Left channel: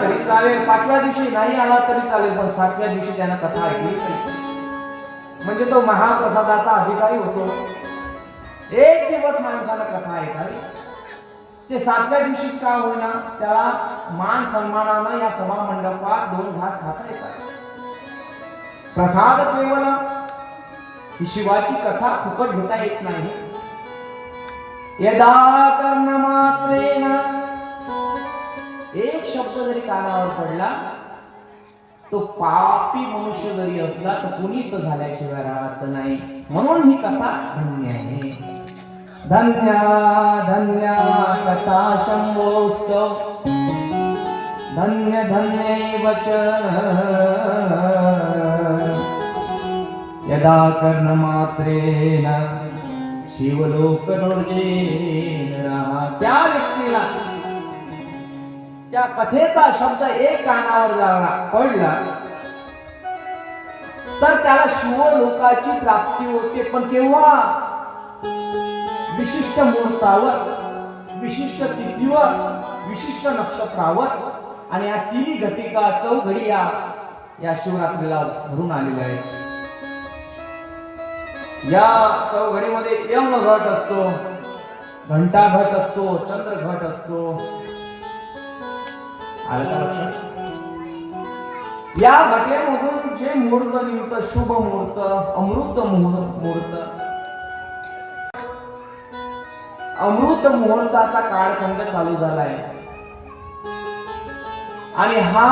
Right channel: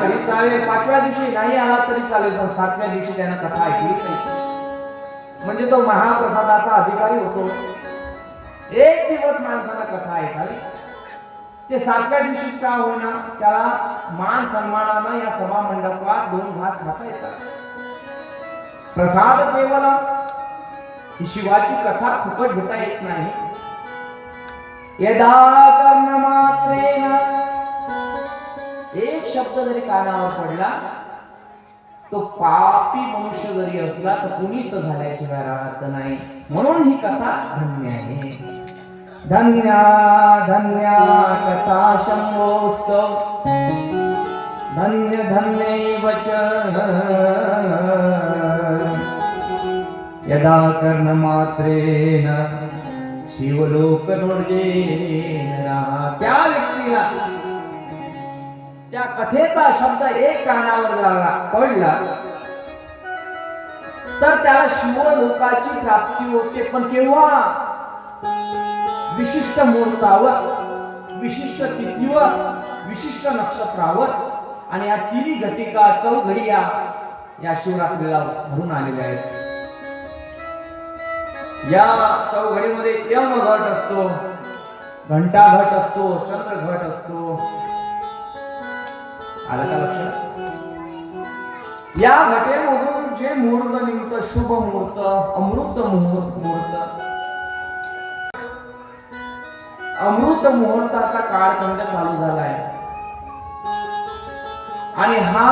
तरी चालेल, 5व्या दिवशी नाही आला तरी चालेल, पण 7व्या दिवशी त्यानं कथा ऐकली पाहिजे. म्हणजे तो महाप्रसादाचा अधिकारी होतो. एक दिवस माणसाला कथा ऐकावी, ते 7व्या दिवशीच का होईना त्याला मान सन्मानानं या सभा मंडपात 2 घास खाता येतात. प्रसाद केवळ ही शिवाची कथा फुकट घेता येत नाही. यदा कर्णमात्रेन एक शब्द जरी कानावर पडला, तो पापी मनुष्य जरी असला तर पुनीत झाल्याशिवाय राहत नाही. म्हणून ही कथा धन्य आहे. धन्य धन्य कथा शंभोस्तव, धन्य धन्यैव च यदा कर्णमात्रेन शिवलोकनोर्जेन. त्या व्यक्तीला त्या कथेचा शब्द एक कानावर झाला पडला तर त्याला शिवलोकाची प्राप्ती होते. पण केव्हा? विशिष्ट मुहूर्तावर, विशिष्ट तिथीवर, विशिष्ट नक्षत्रावर. आणि या तिन्ही घटिका चौघडिया या शिवरात्रीला भरून आलेल्या आहेत. या चौघडीमध्ये यम घट असतो, घंटा घट असतो, चंद्र घट असतो. आलं का लक्षात? या घटेमधून जे मुहूर्त निघतं, शुभ मुहूर्त, अमृत मुहूर्त, अमृत मुहूर्ताचा काळखंड चालू झालाय. आणि हा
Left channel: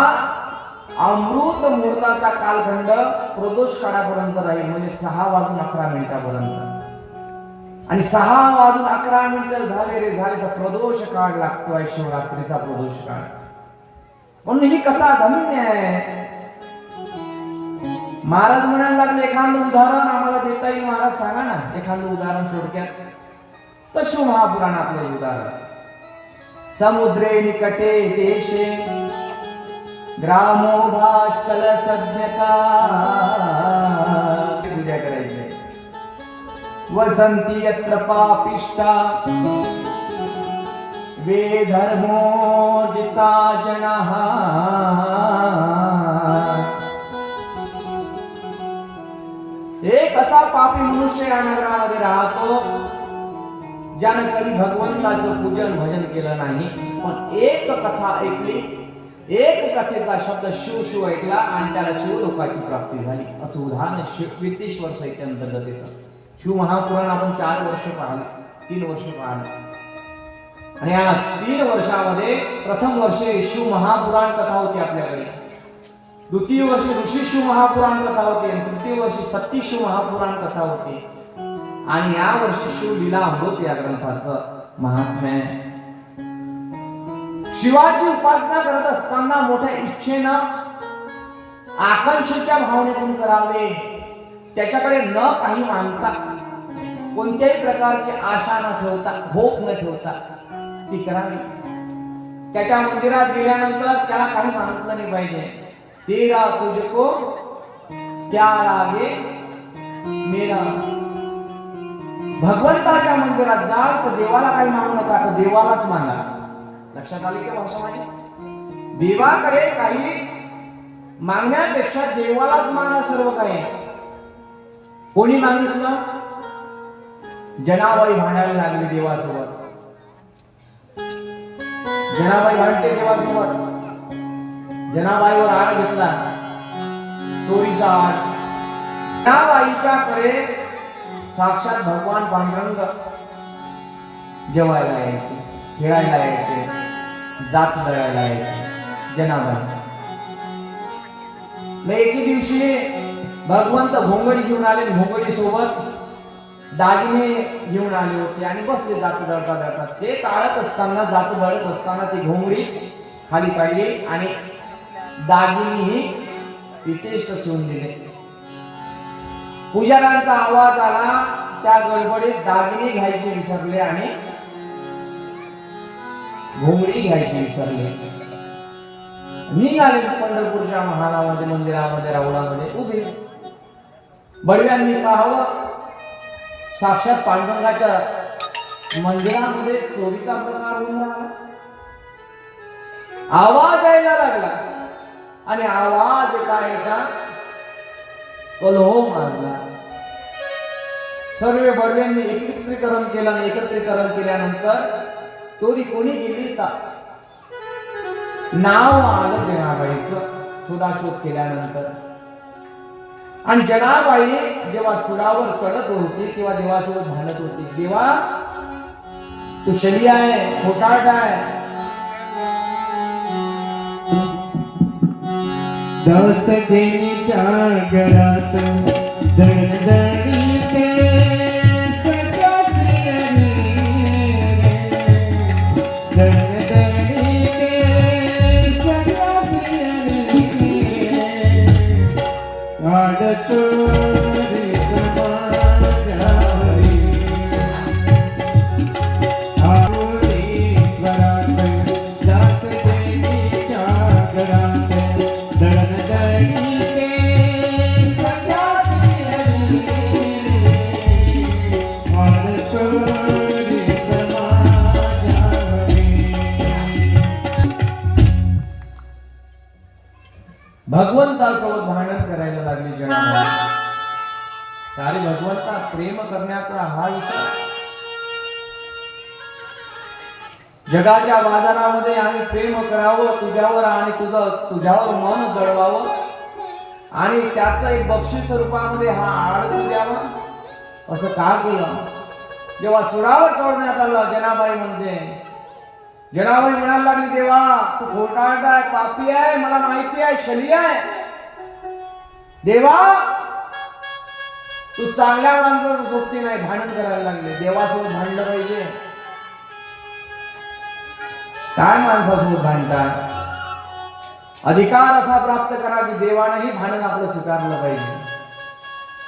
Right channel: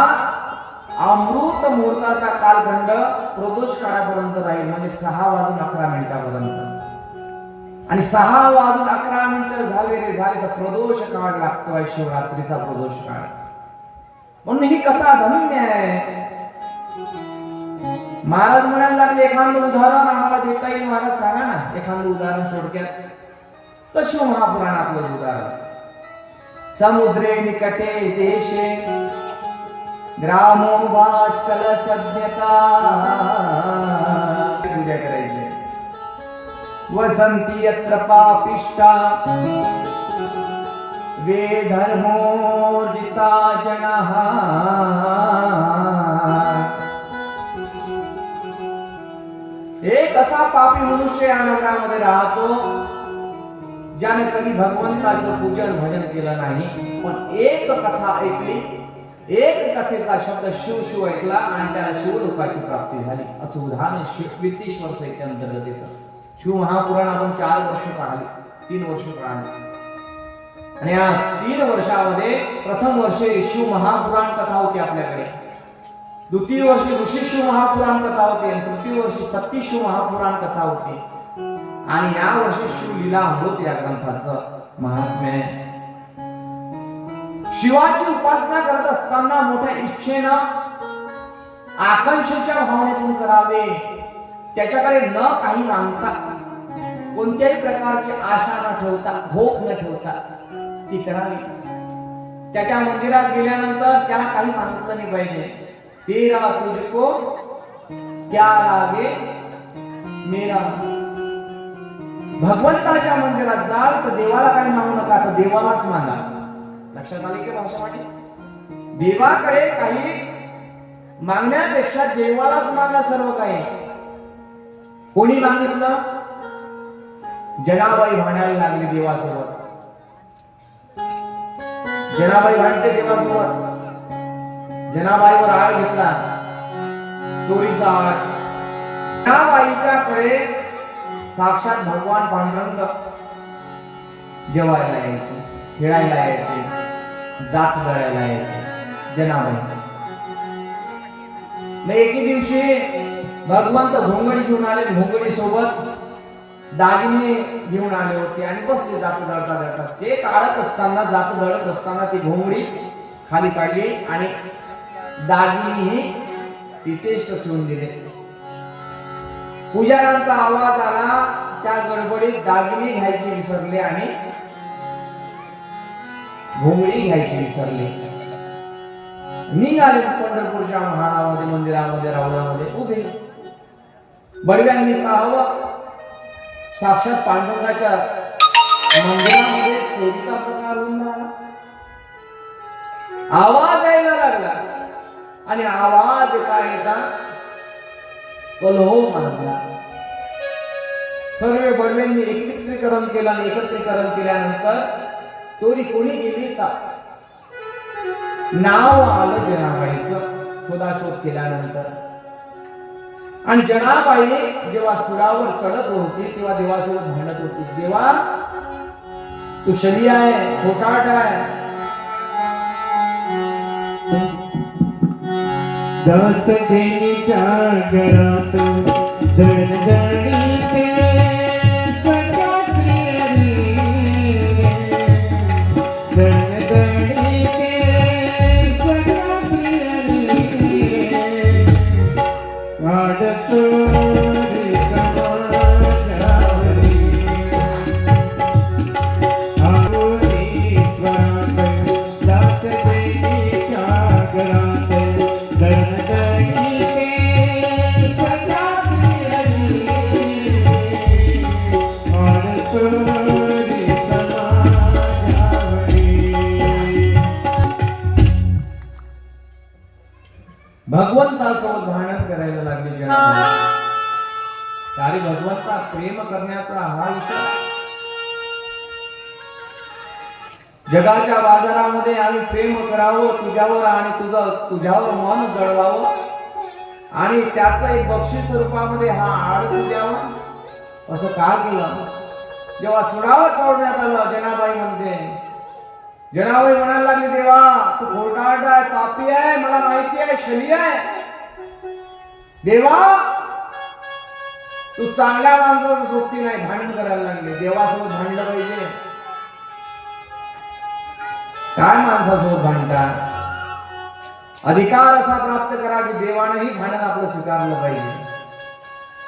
अमृत मुहूर्ताचा कालखंड प्रदोष काळापर्यंत राहील, म्हणजे 6:11 आणि 6:11 झाले रे झाले तर प्रदोष काळ लागतोय, शिवरात्रीचा प्रदोष काळ. म्हणून ही कथा धन्य आहे. महाराज म्हणायला लागले, एखादं उदाहरण आम्हाला देता येईल महाराज? सांगा ना एखादं उदाहरण थोडक्यात. तर शिवमहापुराणातलं उदाहरण. समुद्रे निकटे देशे ग्रामो भाष्कल सभ्यता पूजा करायची. वसंती यत्र पापिष्टा वे धर्मोर्जिता जनाः. एक असा पापी मनुष्य या नगरामध्ये राहतो ज्याने कधी भगवंताचं पूजन भजन केलं नाही, पण एक कथा ऐकली, एक कथेचा शब्द शिव शिव ऐकला आणि त्याला शिवलोकाची प्राप्ती झाली. असं उदाहरण कीर्तीश्वर साहित्य अंतर्गत येतं. शिव महापुराण आपण 4 वर्ष पाहिले, 3 वर्ष पाहिले. आणि या 3 वर्षामध्ये प्रथम वर्षे शिव महापुराण कथा होती आपल्याकडे, द्वितीय वर्षी ऋषी शिव महापुराण कथा होती, तृतीय वर्षी सती शिव महापुराण कथा होती. आणि या वर्षी शिवलीला अमृत या ग्रंथाचं महात्म्य. शिवाची उपासना करत असताना मोठ्या इच्छेनं, आकांक्षेच्या भावनेतून करावे. त्याच्याकडे न काही मागता, कोणत्याही प्रकारची आशा न ठेवता, भोग न ठेवता ती करावी. त्याच्या मंदिरात गेल्यानंतर त्याला काही मागितलं नाही पाहिजे. तेरा तुझको क्या लागे मेरा. भगवंताच्या मंदिरात जा तर देवाला काही मागू नका, तर देवालाच मागा. लक्षात आली का भाषा माझी? देवाकडे काही मागण्यापेक्षा देवालाच मागणं सर्व काही. कोणी मागितलं? जनाबाई भांडायला लागली देवासोबत. जनाबाई भांडते देवासोबत. जनाबाईवर आळ घेतला, चोरीचा आळ. जनाबाईच्याकडे साक्षात भगवान पांडुरंग जेवायला यायचे, खेळायला यायचे, जात करायला यायचे. जनाबाई मग एके दिवशी भगवंत घोंगडी घेऊन आले, घोंगडी सोबत दागिने घेऊन आले होते आणि बसले जात दळता दळता. ते काढत असताना, जात दळत असताना ती घोंगडी खाली काढली आणि दागिने इथेच ठेवून दिले. पुजाऱ्यांचा आवाज आला, त्या गडबडीत दागिने घ्यायचे विसरले आणि घोंगडी घ्यायची विसरले. निघाले पंढरपूरच्या महानामध्ये, मंदिरामध्ये, रावणामध्ये उभे. बडव्यांनी पाहावं, साक्षात पांडुरंगाच्या मंदिरामध्ये चोरीचा प्रकार होऊन राहिला. आवाज यायला लागला आणि आवाज काय येता कलहो माजला. सर्व बडव्यांनी एकत्रीकरण केलं आणि एकत्रीकरण केल्यानंतर चोरी कोणी केली का नाव आलं जनाबाईचं शोधाशोध केल्यानंतर. आणि जनाबाई जेव्हा सुरावर चढत होती तेव्हा देवासोबत भांडत होती. देवा तू शली आहे, खोटाट आहे. दास जेनीच्या घरात दणदणी ते सगळ्या स्त्रियांनी दणदणी ते सगळ्या स्त्रियांनी आडचोरी समाजावरी आहोरी स्वरात दास जेनीच्या घरात दणदणी ते सगळ्या स्त्रियांनी आडचोरी समाजावरी. भगवंतासोबत भांडण करायला लागली जनाबाई. सारी भगवंता प्रेम करण्याचा हा विषय. जगाच्या बाजारामध्ये आम्ही प्रेम करावं तुझ्यावर आणि तुझ्यावर मन जळवावं आणि त्याचं एक बक्षीस रूपामध्ये हा आड द्यावा असं का केलं. जेव्हा सुरावर चढवण्यात आलं जनाबाई म्हणते, जनाबाई म्हणायला लागली देवा तू खोटारडा आहे, पापी आहे, मला माहिती आहे, शली आहे. देवा तू चांगल्या माणसाचं सोबती नाही. भांडण करायला लागले. देवासोबत भांडलं पाहिजे. काय माणसासोबत भांडतात. अधिकार असा प्राप्त करा की देवानंही भांडण आपलं स्वीकारलं पाहिजे.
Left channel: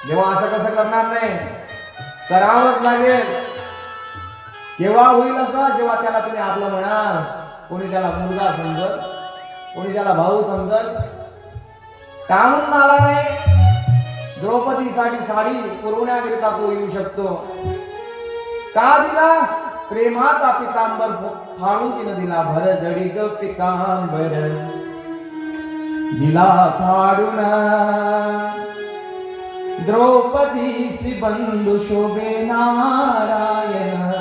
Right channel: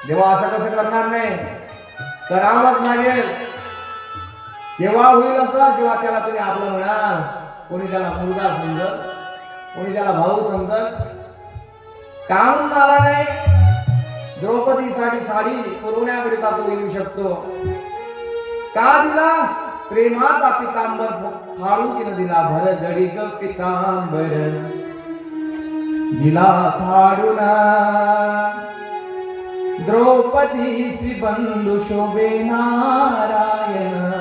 देवा असं कसं करणार नाही, करावंच लागेल. केव्हा होईल असं, जेव्हा त्याला तुम्ही आपलं म्हणाल. कोणी त्याला मुलगा समजत, कोणी त्याला भाऊ समजत. काहून आला नाही. द्रौपदीसाठी साडी पुरवण्याकरिता तो येऊ शकतो. का दिला. प्रेमाचा पितांबर फाडून तिनं दिला. भर जडी ग पितांबर दिला फाडून. द्रौपदीसी बंधू शोभे नारायण.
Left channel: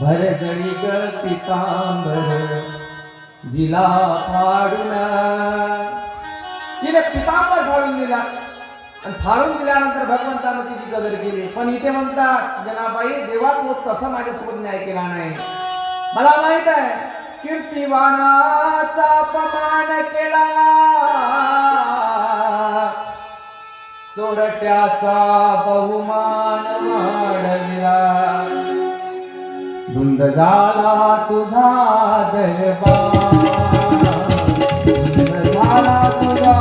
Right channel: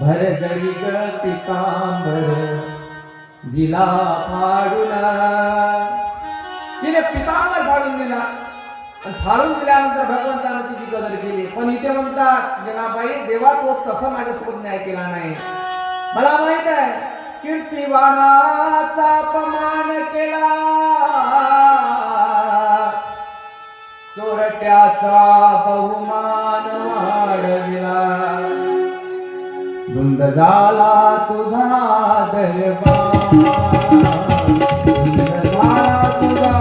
भर जडी ग पितांबर दिला फाडून. तिने पितांबर फाडून दिला आणि फाडून दिल्यानंतर भगवंतानं तिची कदर केली. पण इथे म्हणतात जनाबाई देवा तो तसा माझ्यासोबत न्याय केला नाही. मला माहित आहे कीर्तिवानाचा अपमान केला, चोरट्याचा बहुमान वाढविला. धुंद झाला तुझा दरबार, धुंद झाला तुझा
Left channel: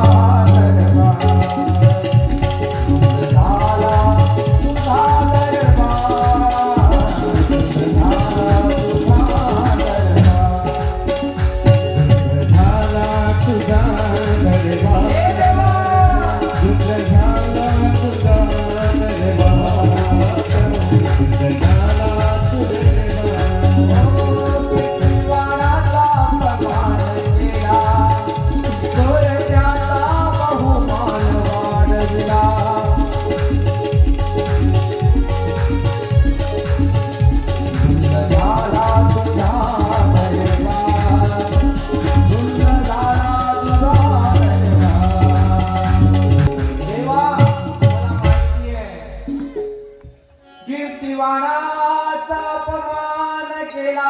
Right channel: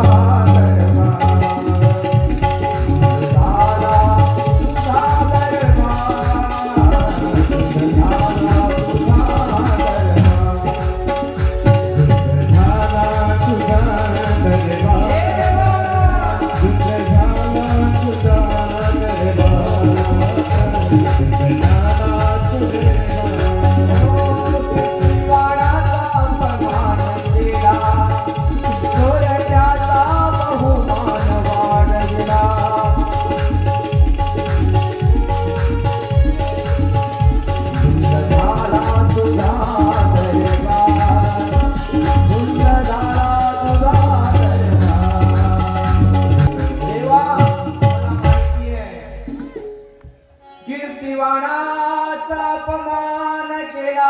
कीर्तिवानाचा अपमान केला.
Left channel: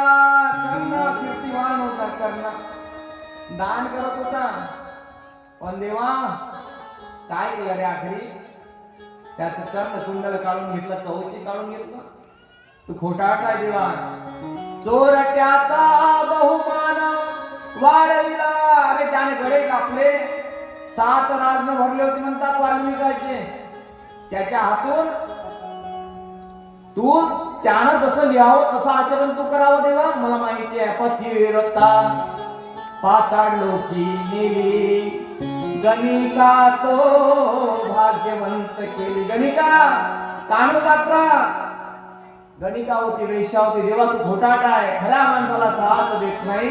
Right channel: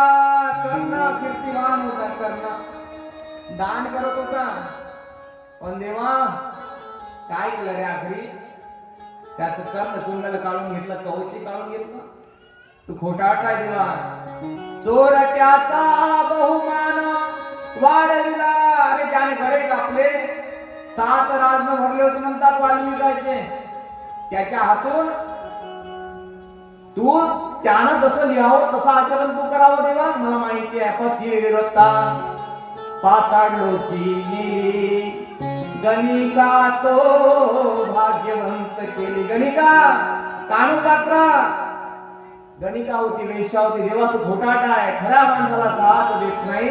कर्ण कीर्तिवान होता. कर्ण दान करत होता. पण देवा काय केलं रे आखरी. त्याचं कर्ण कुंडल काढून घेतलं, कवची काढून घेतलं. तू खोटाट आहे देवा. चोरट्याचा बहुमान वाढविला. अरे त्याने गळे कापले. 7 राजन भरले होते म्हणतात वाल्मिकाचे. त्याच्या हातून तू त्यानं जसं लिहावं तसं आचरण तू करावं देवा. मला माहिती आहे पतिव्रता पाताळ लोकी नेली, गणिका तो भाग्यवंत केली. गणिका कानू पात्र गणिका होती, वेश्या होती. देवा तू खोटाटा आहे, खऱ्या माणसाला साथ देत नाही.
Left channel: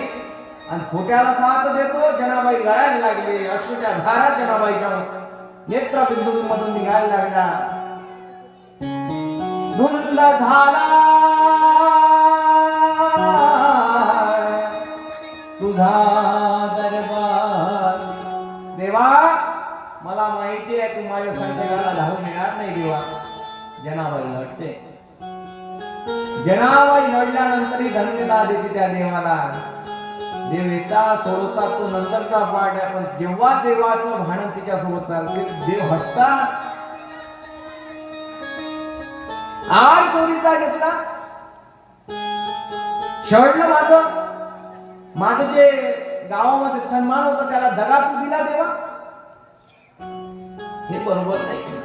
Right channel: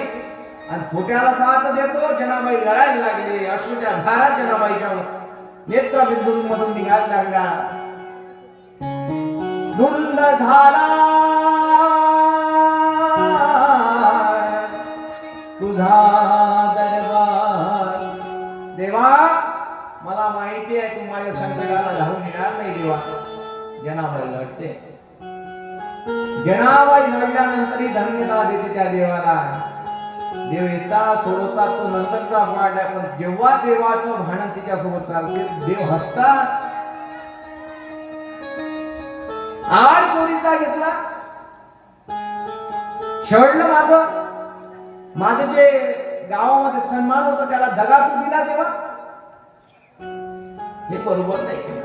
आणि खोट्याला साथ देतो. जनाबाई रडायला लागले. अश्रूच्या धारा जनाबाईच्या नेत्रबिंदूंमधून निघायला लागला. धुंद झाला तुझा दरबार. देवा, मला माहिती आहे तू माझ्या संकटाला धावून येणार नाही. देवा, जनाबाई लढते. जनाबाई लढल्यानंतरही धन्यता देते त्या देवाला. देव येतात सोडवतात तो नंतरचा पाठ आहे, पण जेव्हा देवाचं भांडण तिच्या सोबत चालते देव हसतात. आड चोरीचा घेतला, शवडलं माझं जे गावामध्ये सन्मान होतं त्याला दगा तू दिला देवा. हे बरोबर नाही केलं.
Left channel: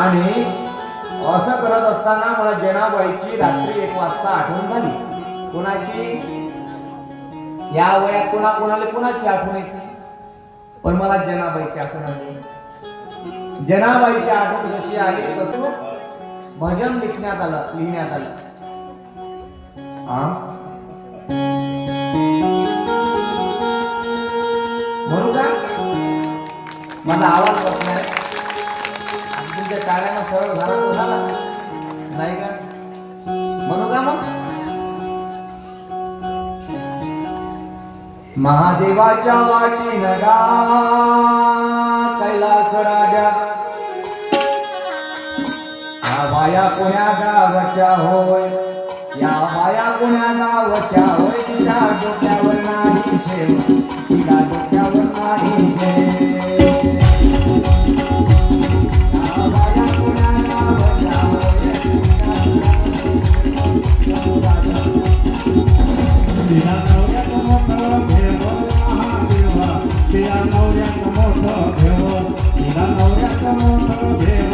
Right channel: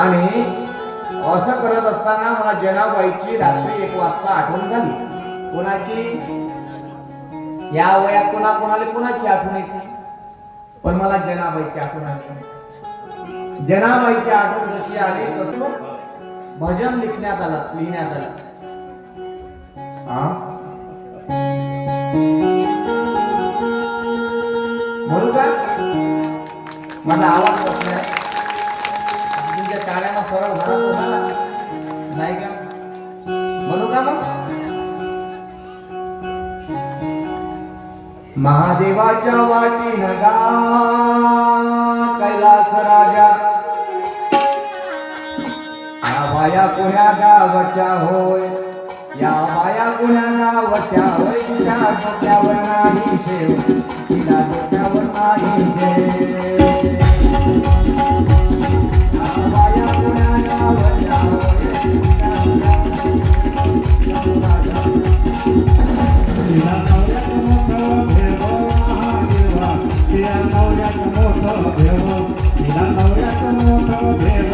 आणि असं करत असताना मला जनाबाईची रात्री 1 वाजता आठवण झाली. कोणाची? या वयात कोणाला कोणाची आठवण येते, पण मला जनाबाईची आठवण आली. जनाबाईची आठवण जशी आली तसं भजन लिहिण्यात आलं. म्हणू का? मला आवाज होत नाही. तुमच्या काळ्यानं सरळ झाला तो झाला नाही का? म्हणू का मग? महादेवाच्या वाटीन गा कैलास राजा. या बाया कोण्या गावच्या होय, या बाया कोण्या गावच्या होय. तिच्या डोक्यावर नाही शेव, तिला डोक्यावर नाही शेव. या बाया कोण्या गावच्या होय, तिला नवऱ्यात मोठं भेव महादेवा. तिला नवऱ्यात मोठं भेव. तिला नवऱ्यात मोठं भेव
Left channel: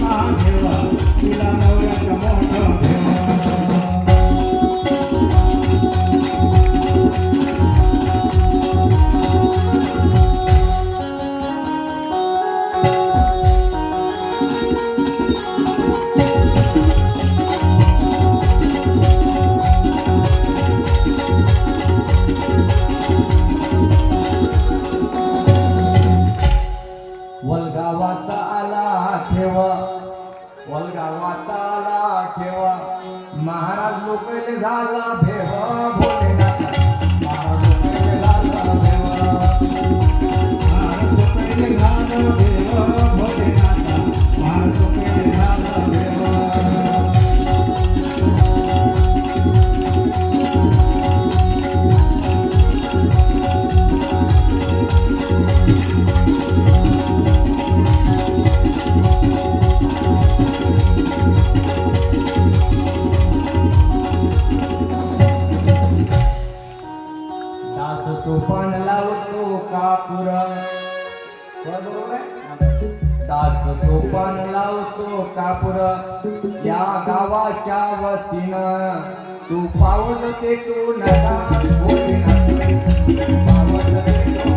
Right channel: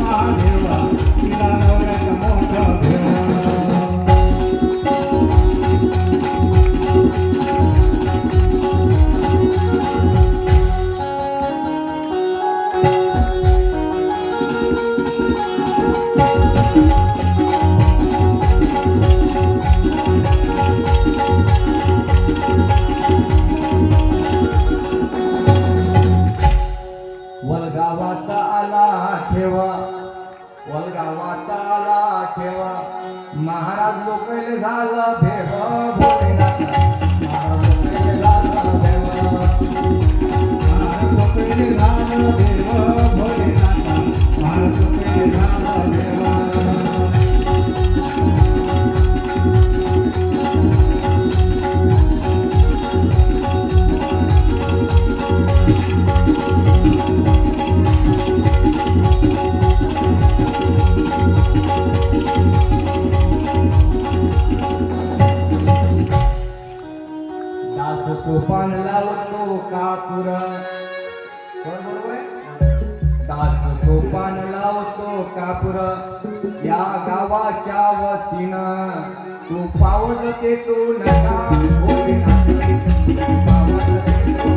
महादेवा. तिला नवऱ्यात मोठं भेव. वलगावात आला ठेवा, वलगावात आला ठेवा. महाराज लोकले झालं भेव भोलेनाथ. महाराज लोकले झालं भेव. महाराज लोकले झालं भेव भोलेनाथ. महाराज लोकले झालं भेव. सोपान लावतो कापूर. बरोबर आहे? दास सोपान लावतो कापूर. या गावाच्या वतीनं तू पावल ते तू नका भोलेनाथ. पावल ते तू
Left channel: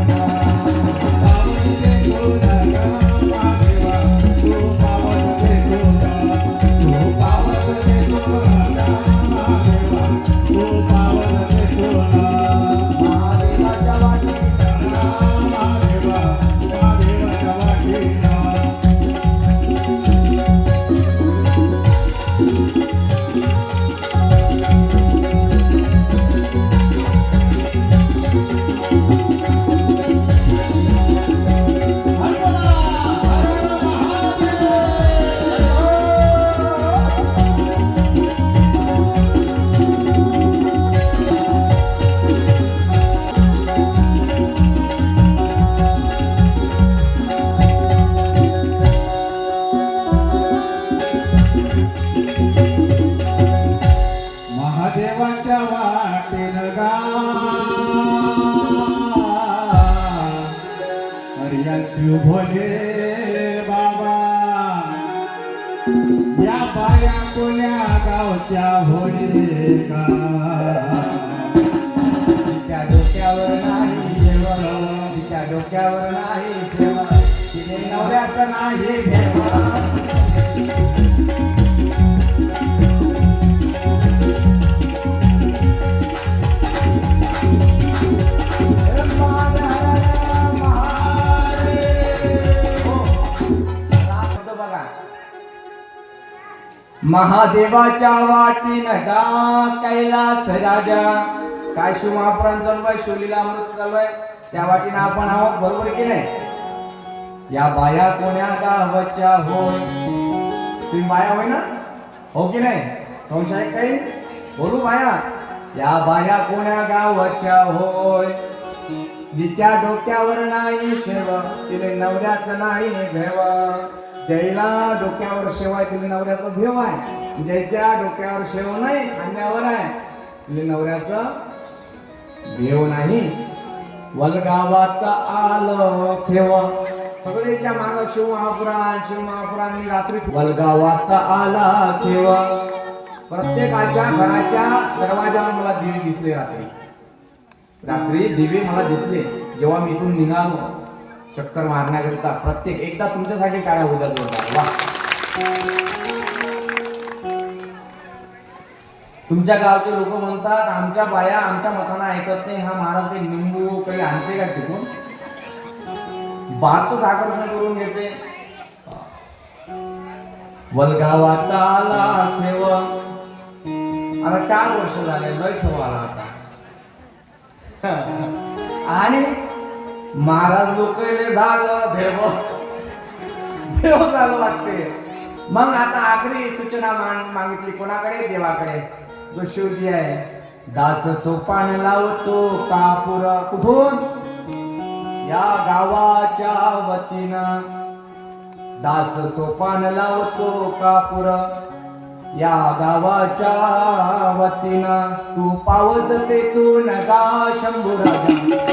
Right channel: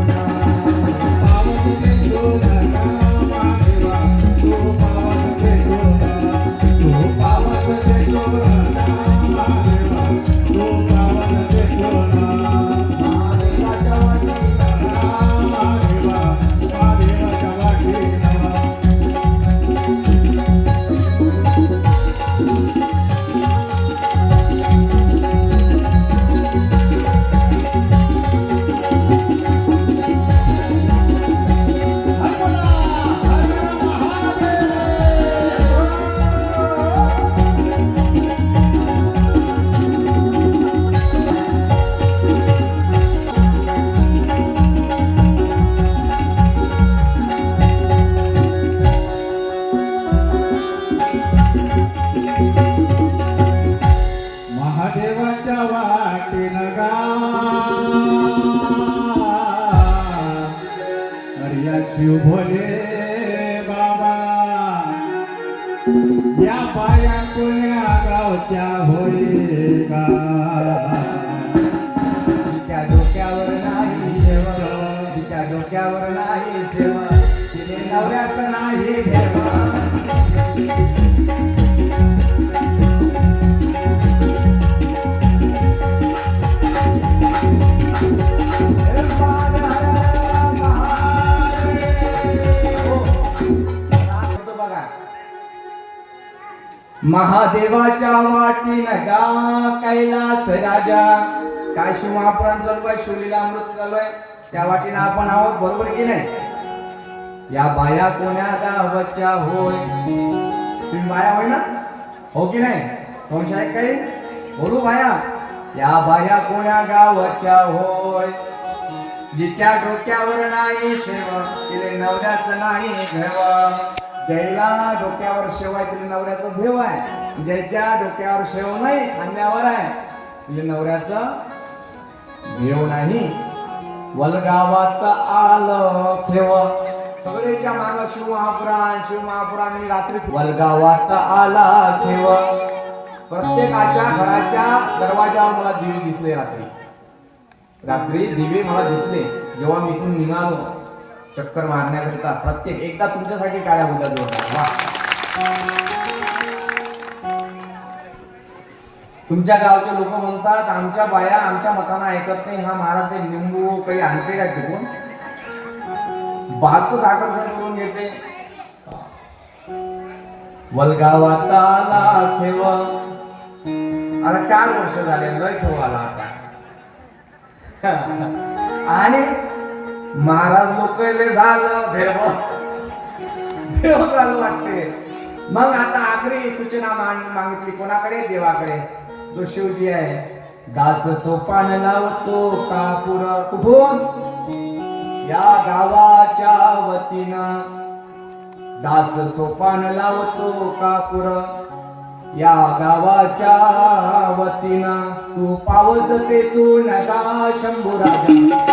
पावल ते तू नका महादेवा. तू पावल ते तू नका. तू पावल ते तू नका महादेवा. तू पावल ते तू नका. महादेवाच्या वाटीला महादेवा. महादेवाच्या वाटीला. महादेवाच्या वाटेनं गा हरिया शिव भोले बाबा. या बाया कोण्या गावच्या होय का. तिच्या डोक्यावर नाही शेवा, तिच्या डोक्यावर नाही शेवा. तिने नवऱ्यात नाही भेवा. महादेवाच्या वाटीन गा कैलास राजा. काय शिव महापुराण चालू आहे, शिवलीला अमृत चालू आहे, त्या वाटीनं आपण आहोत, बरोबर की नाही? या बाया कोण्या गावच्या होय? तुम्ही बाया होय ना, हो की नाही? संशय आहे काही? बोलू बाया. या बाया कोण्या गावच्या होय? जिच्या डोक्यावर नाही शेव तिले नवऱ्याचं नाही घेव. ज्याला डोक्यावर शेव आहे तिला नवऱ्याचं भेव आहे, ज्याच्या डोक्यावर शेव नाही खांद्यावर आहे तिला नवऱ्याचं भेव नाही. वलगावात आलं ठेव. सगळेच्या माग शिव महापुराण रात्री वलगावात आला ठेव. प्रत्येकाच्या घराच्या दरवाजावर मला दिवे दिसले. रात्री दिवे मला दिसले जेव्हा मी इथून निघालो चक्कर मारण्याकरिता. प्रत्येक एकदा तुमच्यासाठी टाळ्या होत्या. तुमच्या गावचे लोक म्हणतात आमच्या बाया आमच्या मताना ऐकत नाही. हा महाराज काही लिंबू काही आणते का टिकून? बातच आकर्षण करून घेते. वलगावात आला ठेव. आता 4 वर्ष झाले लय ठेव आला आता. आणि महाराज लोकले झालं देव झालं वाटते. मग आता आखरी सूचना मागितली कोणाकडे? देवाकडे, जो शिवजी आहे. दास सोपान लावतो कापूर. कुठून? या गावाच्या वतीनं. दास सोपान लावतो कापूर या गावाच्या वतीनं. तू पावत ते तू नगा शंभू राजा.